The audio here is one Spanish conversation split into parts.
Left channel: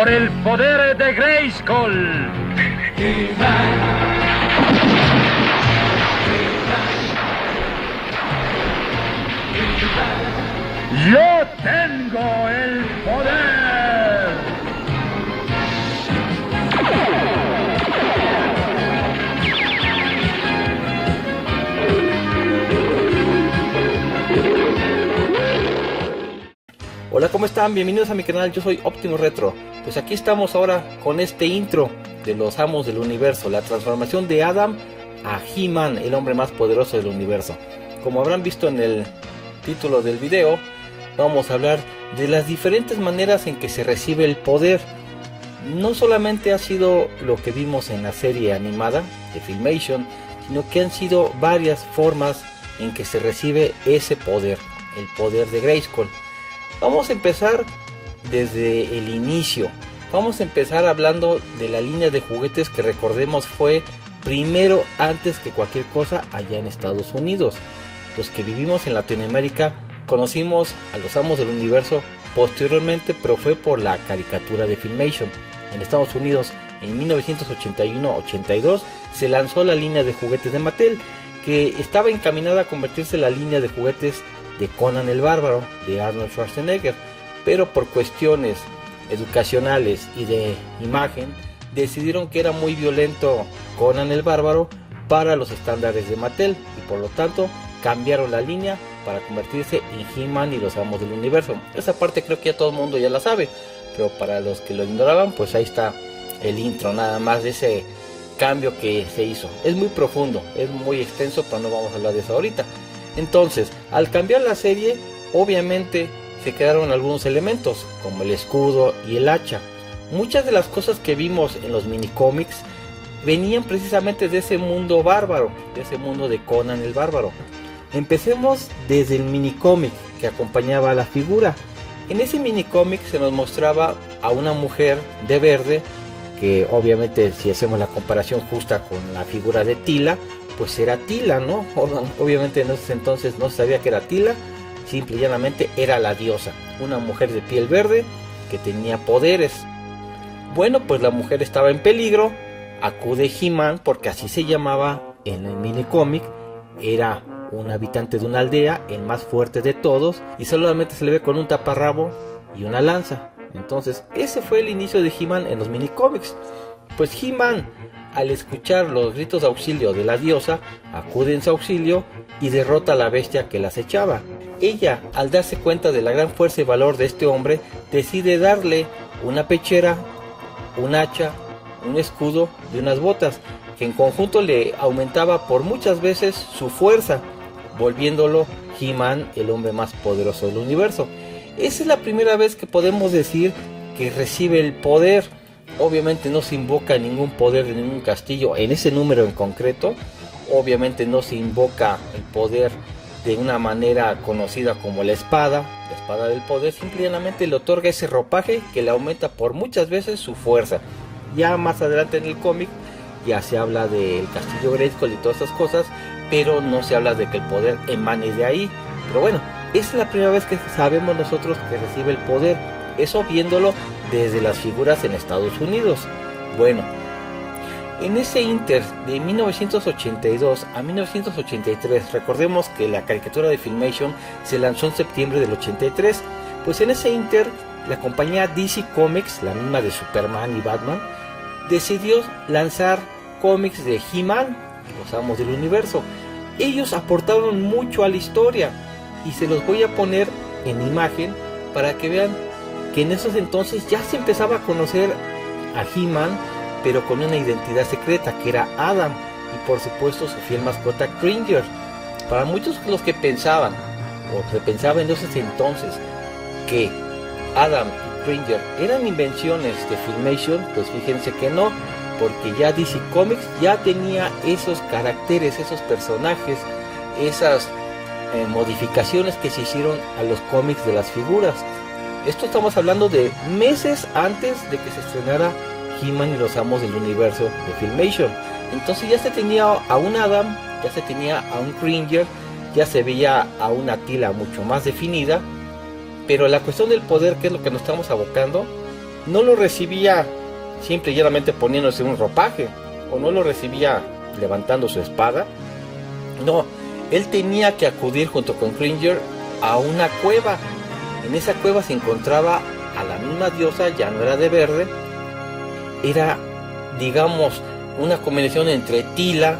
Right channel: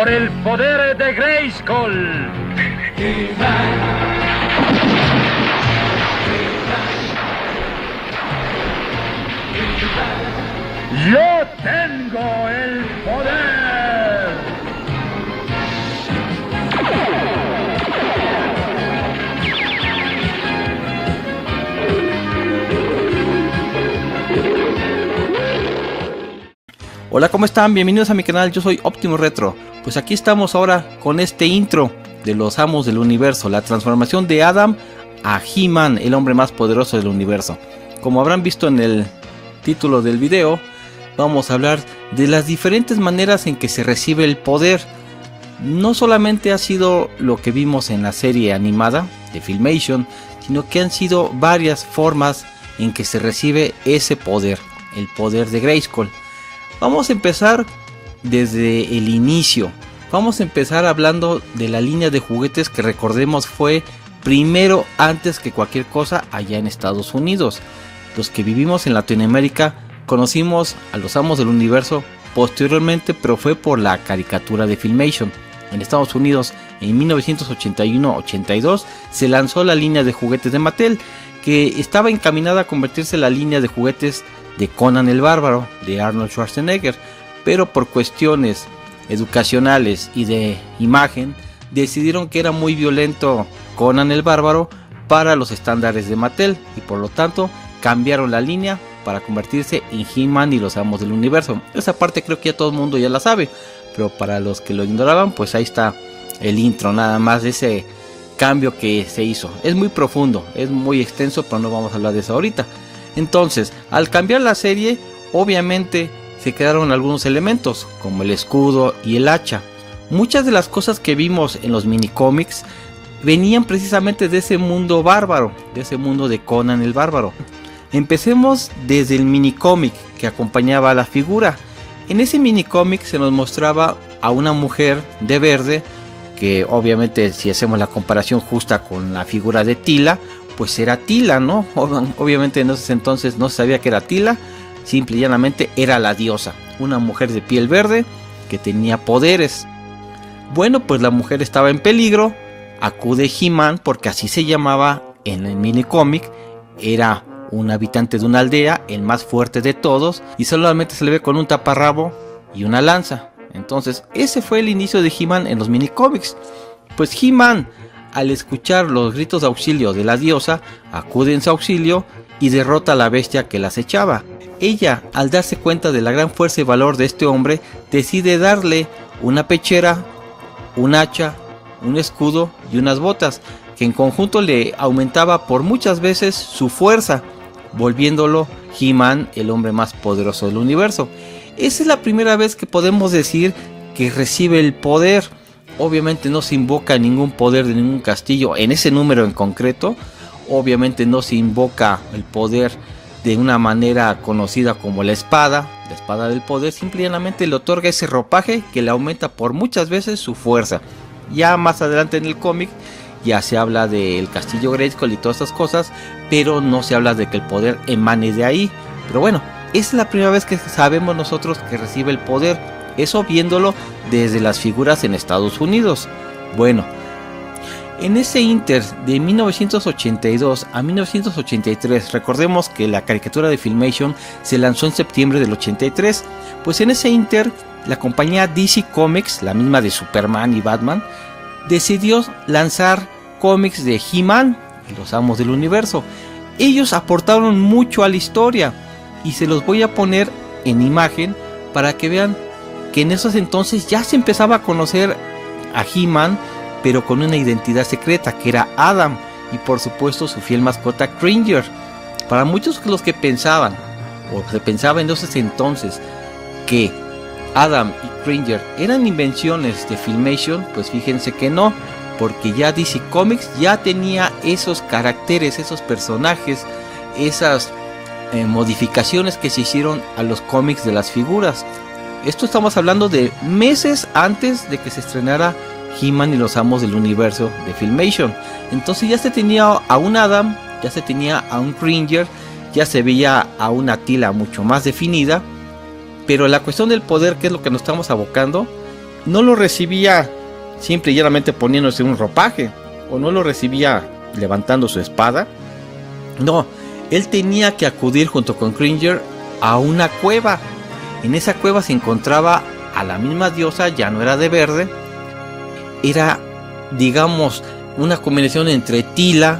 por el poder de Grayskull. Yo tengo el poder. Hola, ¿cómo están? Bienvenidos a mi canal, yo soy Optimus Retro. Pues aquí estamos ahora con este intro de los amos del universo, la transformación de Adam a He-Man, el hombre más poderoso del universo. Como habrán visto en el título del video, vamos a hablar de las diferentes maneras en que se recibe el poder. No solamente ha sido lo que vimos en la serie animada de Filmation, sino que han sido varias formas en que se recibe ese poder, el poder de Grayskull. Vamos a empezar desde el inicio. Vamos a empezar hablando de la línea de juguetes que, recordemos, fue primero antes que cualquier cosa allá en Estados Unidos. Los que vivimos en Latinoamérica conocimos a los amos del universo posteriormente, pero fue por la caricatura de Filmation. En Estados Unidos, en 1981-82, se lanzó la línea de juguetes de Mattel, que estaba encaminada a convertirse en la línea de juguetes de Conan el Bárbaro, de Arnold Schwarzenegger, pero por cuestiones educacionales y de imagen, decidieron que era muy violento Conan el Bárbaro para los estándares de Mattel, y por lo tanto cambiaron la línea para convertirse en He-Man y los amos del universo. Esa parte creo que ya todo el mundo ya la sabe, pero para los que lo ignoraban, pues ahí está el intro nada más de ese cambio que se hizo. Es muy profundo, es muy extenso, pero no vamos a hablar de eso ahorita. Entonces, al cambiar la serie, obviamente se quedaron algunos elementos, como el escudo y el hacha. Muchas de las cosas que vimos en los minicómics venían precisamente de ese mundo bárbaro, de ese mundo de Conan el Bárbaro. Empecemos desde el minicómic que acompañaba a la figura. En ese minicómic se nos mostraba a una mujer de verde, que obviamente, si hacemos la comparación justa con la figura de Teela, pues era Teela, ¿no? Obviamente en ese entonces no se sabía que era Teela, simple y llanamente era la diosa, una mujer de piel verde que tenía poderes. Bueno, pues la mujer estaba en peligro, acude He-Man, porque así se llamaba en el minicómic, era un habitante de una aldea, el más fuerte de todos, y solamente se le ve con un taparrabo y una lanza. Entonces ese fue el inicio de He-Man en los minicómics. Pues He-Man, al escuchar los gritos de auxilio de la diosa, acude en su auxilio y derrota a la bestia que la acechaba. Ella, al darse cuenta de la gran fuerza y valor de este hombre, decide darle una pechera, un hacha, un escudo y unas botas, que en conjunto le aumentaba por muchas veces su fuerza, volviéndolo He-Man el hombre más poderoso del universo. Esa es la primera vez que podemos decir que recibe el poder. Obviamente no se invoca ningún poder de ningún castillo en ese número en concreto. Obviamente no se invoca el poder de una manera conocida como la espada del poder. Simplemente le otorga ese ropaje que le aumenta por muchas veces su fuerza. Ya más adelante en el cómic ya se habla del castillo Grayskull y todas esas cosas, pero no se habla de que el poder emane de ahí. Pero bueno, esa es la primera vez que sabemos nosotros que recibe el poder. Eso viéndolo desde las figuras en Estados Unidos. Bueno, en ese inter de 1982 a 1983, recordemos que la caricatura de Filmation se lanzó en septiembre del 83. Pues en ese inter, la compañía DC Comics, la misma de Superman y Batman, decidió lanzar cómics de He-Man, los amos del universo. Ellos aportaron mucho a la historia y se los voy a poner en imagen para que vean que en esos entonces ya se empezaba a conocer a He-Man, pero con una identidad secreta que era Adam, y por supuesto su fiel mascota Cringer. Para muchos los que pensaban, o se pensaba en esos entonces, que Adam y Cringer eran invenciones de Filmation, pues fíjense que no, porque ya DC Comics ya tenía esos caracteres, esos personajes, esas modificaciones que se hicieron a los cómics de las figuras. Esto estamos hablando de meses antes de que se estrenara He-Man y los amos del universo de Filmation. Entonces ya se tenía a un Adam, ya se tenía a un Cringer, ya se veía a una Teela mucho más definida. Pero la cuestión del poder, que es lo que nos estamos abocando, no lo recibía simple y llanamente poniéndose un ropaje, o no lo recibía levantando su espada. No, él tenía que acudir junto con Cringer a una cueva. En esa cueva se encontraba a la misma diosa, ya no era de verde, era, digamos, una combinación entre Tila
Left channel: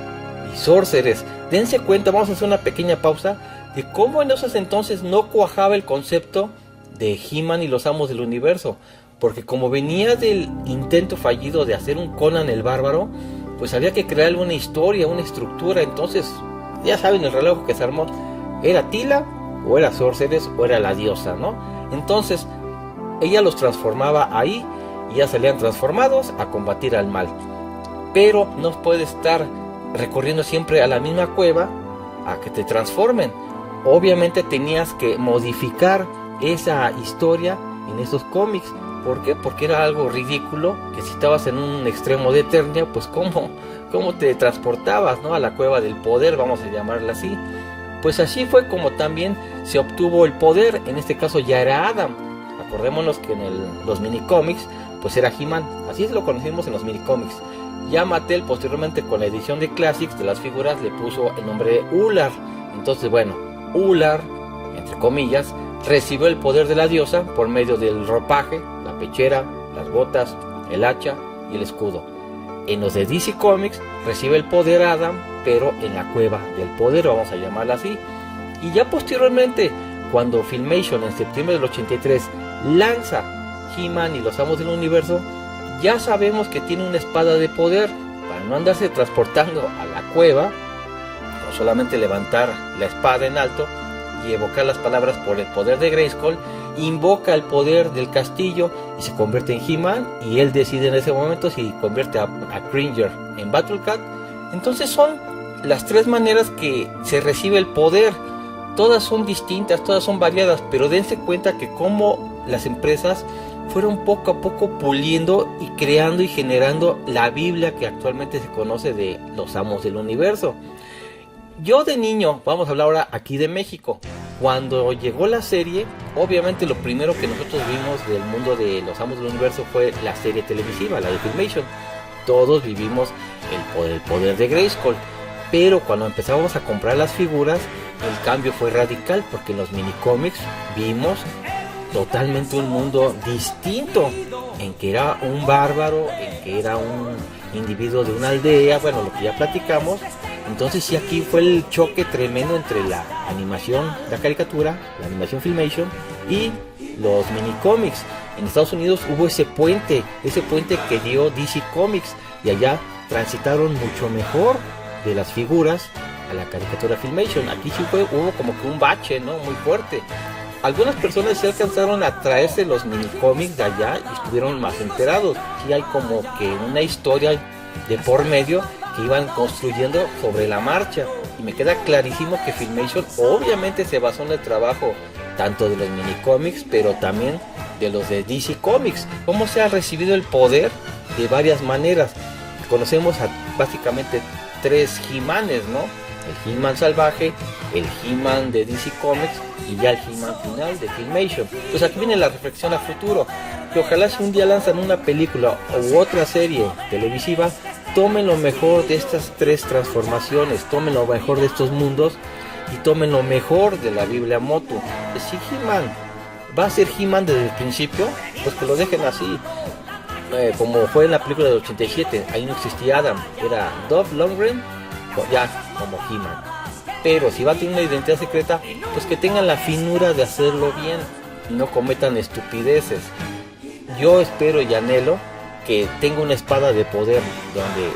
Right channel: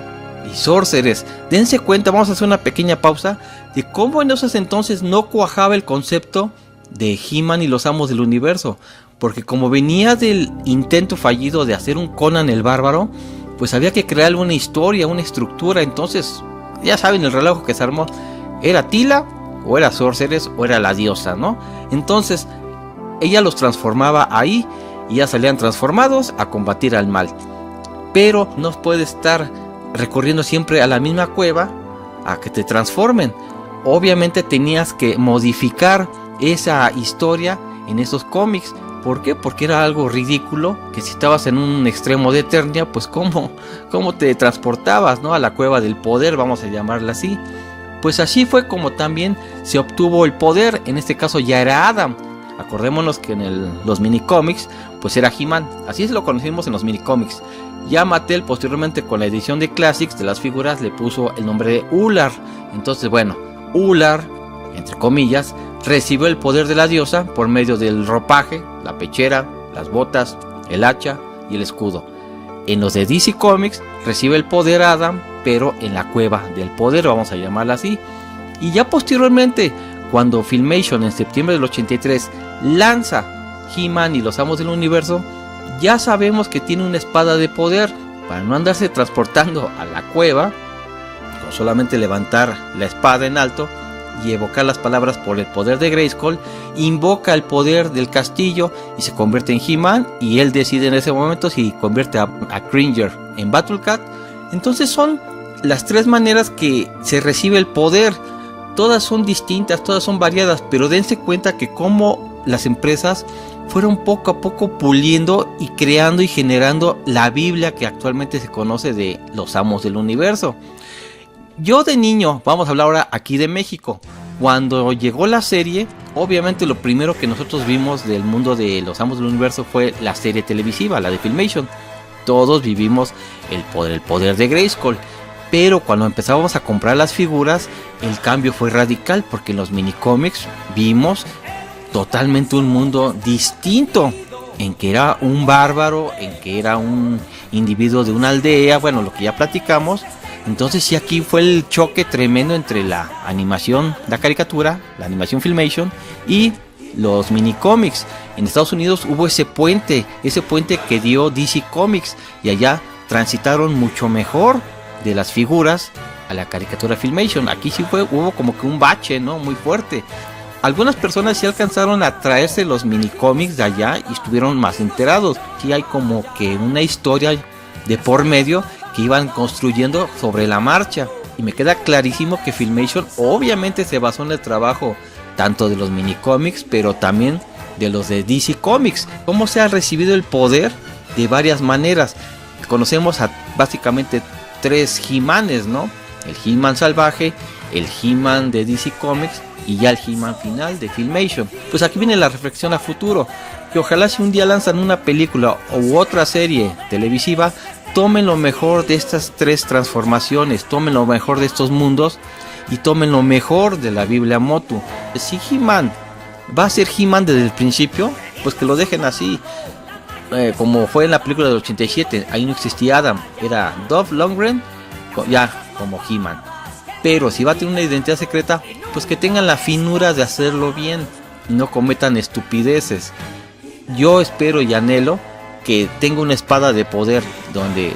y Sorceress. Dense cuenta, vamos a hacer una pequeña pausa, de cómo en esos entonces no cuajaba el concepto de He-Man y los Amos del Universo, porque como venía del intento fallido de hacer un Conan el Bárbaro, pues había que crear una historia, una estructura. Entonces, ya saben el relajo que se armó, era Tila, o era Sorceress, o era la diosa, ¿no? Entonces, ella los transformaba ahí, y ya salían transformados a combatir al mal. Pero no puedes estar recorriendo siempre a la misma cueva a que te transformen. Obviamente tenías que modificar esa historia en esos cómics. ¿Por qué? Porque era algo ridículo que si estabas en un extremo de Eternia, pues cómo te transportabas, ¿no?, a la cueva del poder, vamos a llamarla así. Pues así fue como también se obtuvo el poder. En este caso ya era Adam. Acordémonos que en los minicómics pues era He-Man, así lo conocimos en los minicómics. Ya Mattel posteriormente con la edición de Classics de las figuras le puso el nombre de Ular. Entonces bueno, Ular, entre comillas, recibió el poder de la diosa por medio del ropaje, la pechera, las botas, el hacha y el escudo. En los de DC Comics recibe el poder Adam, pero en la cueva del poder, vamos a llamarla así. Y ya posteriormente, cuando Filmation en septiembre del 83 lanza He-Man y los Amos del Universo, ya sabemos que tiene una espada de poder, para no andarse transportando a la cueva, no solamente levantar la espada en alto y evocar las palabras por el poder de Grayskull, invoca el poder del castillo y se convierte en He-Man, y él decide en ese momento si convierte a Cringer en Battle Cat. Entonces son las tres maneras que se recibe el poder. Todas son distintas, todas son variadas, pero dense cuenta que como las empresas fueron poco a poco puliendo y creando y generando la Biblia que actualmente se conoce de los Amos del Universo. Yo de niño, vamos a hablar ahora aquí de México, cuando llegó la serie, obviamente lo primero que nosotros vimos del mundo de los Amos del Universo fue la serie televisiva, la de Filmation. Todos vivimos el poder de Grayskull. Pero cuando empezamos a comprar las figuras, el cambio fue radical, porque en los minicómics vimos totalmente un mundo distinto, en que era un bárbaro, en que era un individuo de una aldea, bueno, lo que ya platicamos. Entonces sí, aquí fue el choque tremendo entre la animación, la caricatura, la animación Filmation y los minicómics. En Estados Unidos hubo ese puente que dio DC Comics, y allá transitaron mucho mejor de las figuras a la caricatura Filmation. Aquí sí hubo como que un bache, ¿no?, muy fuerte. Algunas personas sí alcanzaron a traerse los minicómics de allá y estuvieron más enterados. Sí hay como que una historia de por medio que iban construyendo sobre la marcha, y me queda clarísimo que Filmation obviamente se basó en el trabajo tanto de los minicómics, pero también de los de DC Comics. Cómo se ha recibido el poder de varias maneras. Conocemos a básicamente tres He-Manes, ¿no? El He-Man salvaje, el He-Man de DC Comics y ya el He-Man final de Filmation. Pues aquí viene la reflexión a futuro, que ojalá si un día lanzan una película u otra serie televisiva, tomen lo mejor de estas tres transformaciones, tomen lo mejor de estos mundos y tomen lo mejor de la Biblia Motu. Si He-Man va a ser He-Man desde el principio, pues que lo dejen así. Como fue en la película del 87, ahí no existía Adam, era Dolph Lundgren ya como He-Man. Pero si va a tener una identidad secreta, pues que tengan la finura de hacerlo bien y no cometan estupideces. Yo espero y anhelo que tenga una espada de poder, donde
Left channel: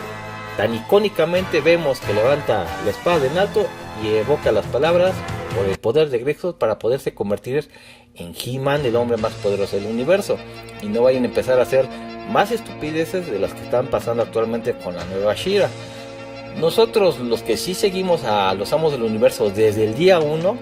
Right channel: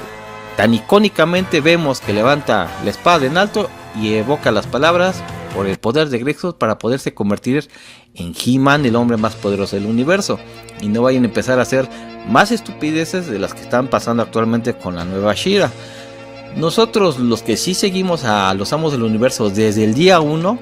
tan icónicamente vemos que levanta la espada en alto y evoca las palabras por el poder de Grayskull para poderse convertir en He-Man, el hombre más poderoso del universo, y no vayan a empezar a hacer más estupideces de las que están pasando actualmente con la nueva She-Ra. Nosotros, los que sí seguimos a los Amos del Universo desde el día 1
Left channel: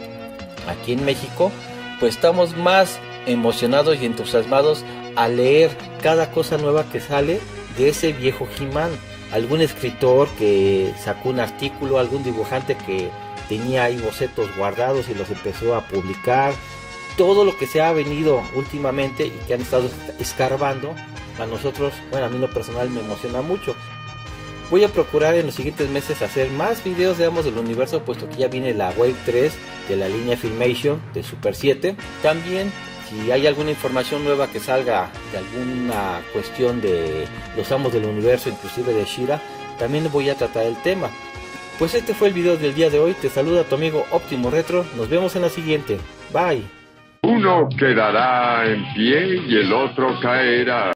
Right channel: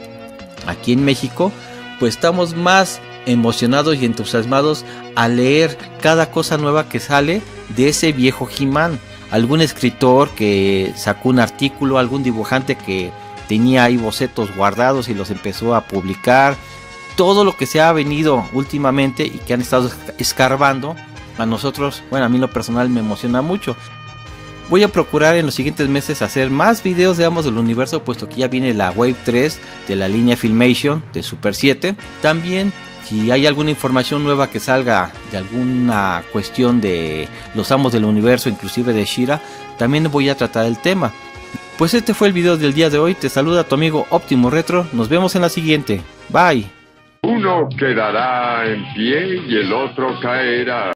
aquí en México, pues estamos más emocionados y entusiasmados a leer cada cosa nueva que sale de ese viejo He-Man. Algún escritor que sacó un artículo, algún dibujante que tenía ahí bocetos guardados y los empezó a publicar, todo lo que se ha venido últimamente y que han estado escarbando, a nosotros, bueno, a mí en lo personal me emociona mucho. Voy a procurar en los siguientes meses hacer más videos de Amos del Universo, puesto que ya viene la Wave 3 de la línea Filmation de Super 7. También, si hay alguna información nueva que salga de alguna cuestión de los Amos del Universo, inclusive de She-Ra, también voy a tratar el tema. Pues este fue el video del día de hoy. Te saluda tu amigo Optimo Retro. Nos vemos en la siguiente. Bye. Uno quedará en pie y el otro caerá.